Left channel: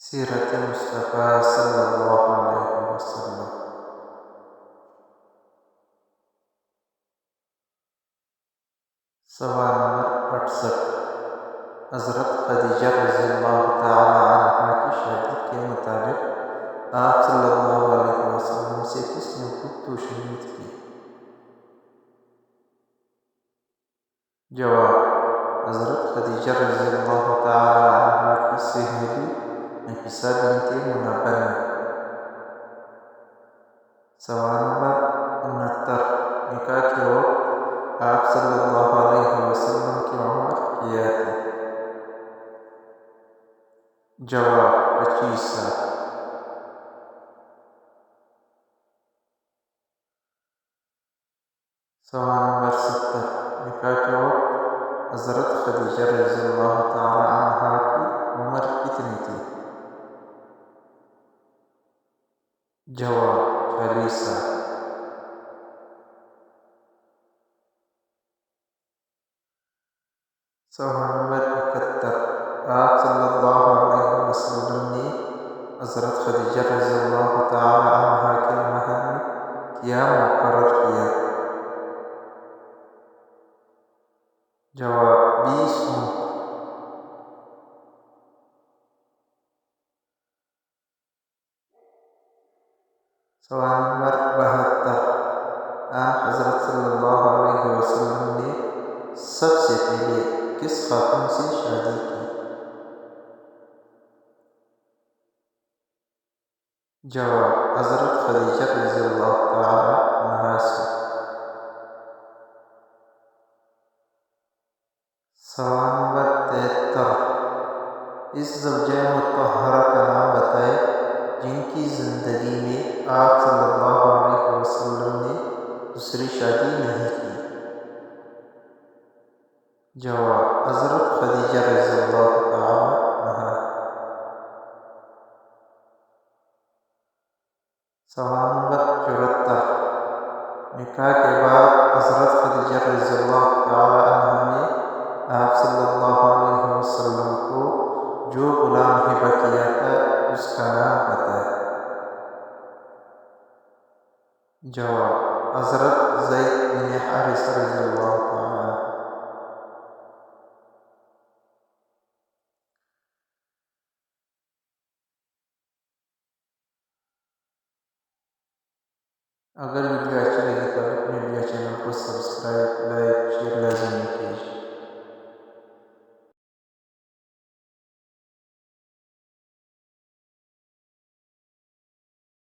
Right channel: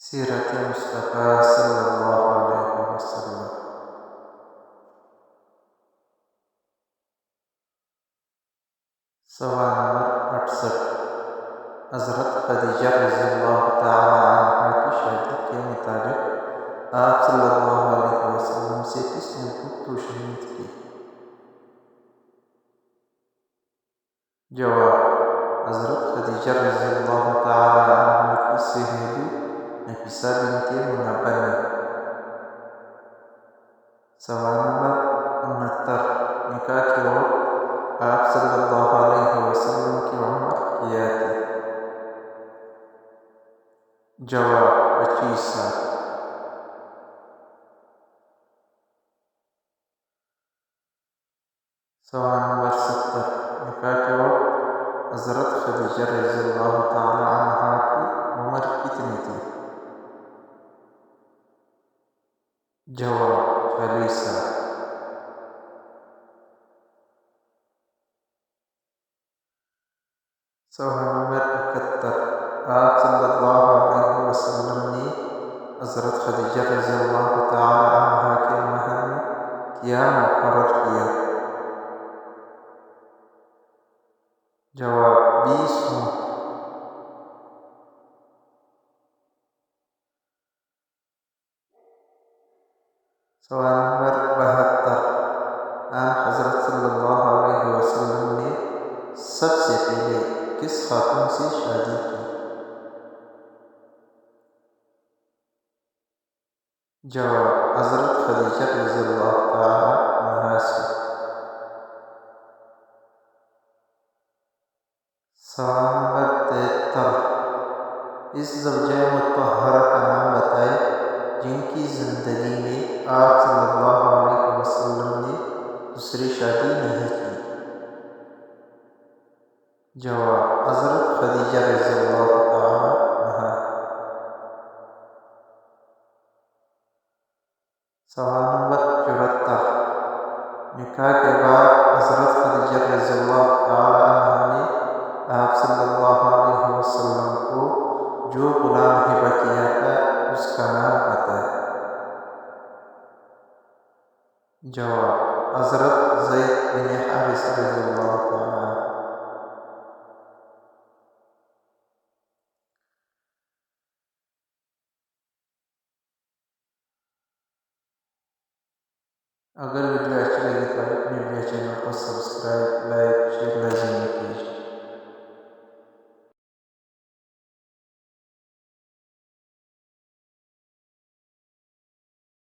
سیرت مصطفیٰ صلی اللہ علیہ وسلم۔ سوال نمبر 68۔ حضرت خدیجہ رضی اللہ تعالی عنہا کی شادی کے متعلق آپ صلی اللہ علیہ وسلم سے کس نے گفت و شنید کی؟ جواب: حضرت خدیجہ رضی اللہ تعالی عنہا کی سہیلی نفیسہ بنت منبہ نے۔ سوال نمبر 69۔ نکاح کے وقت آپ صلی اللہ علیہ وسلم کی عمر کیا تھی؟ جواب: 25 سال۔ سوال نمبر 70۔ نکاح کے وقت حضرت خدیجہ رضی اللہ تعالی عنہا کی عمر کتنی تھی؟ جواب: 40 سال۔ سوال نمبر 71۔ آپ صلی اللہ علیہ وسلم نے حضرت خدیجہ رضی اللہ تعالی عنہا کے مہر میں کیا مقرر کیا؟ جواب: 20 اونٹ۔ سوال نمبر 72۔ آن حضرت صلی اللہ علیہ وسلم نے سب سے پہلے کس خاتون سے شادی کی؟ جواب: حضرت خدیجہ رضی اللہ تعالی عنہا سے۔ سوال نمبر 73۔ اس زوجہ مطہرہ کا نام بتائیں جن کی زندگی میں آپ صلی اللہ علیہ وسلم نے دوسری شادی نہیں کی؟ جواب: حضرت خدیجہ رضی اللہ تعالی عنہا۔ سوال نمبر 74۔ نکاح کے بعد حضرت خدیجہ رضی اللہ تعالی عنہا نے آپ صلی اللہ علیہ وسلم کو جو غلام ہبہ کیا تھا اس کا نام بتائیں۔ جواب: حضرت زید بن حارثہ رضی اللہ تعالی عنہ۔ اگر ویڈیو اچھی لگی تو اپنے چینل کو سبسکرائب، لائک، شیئر لازمی کیجیے۔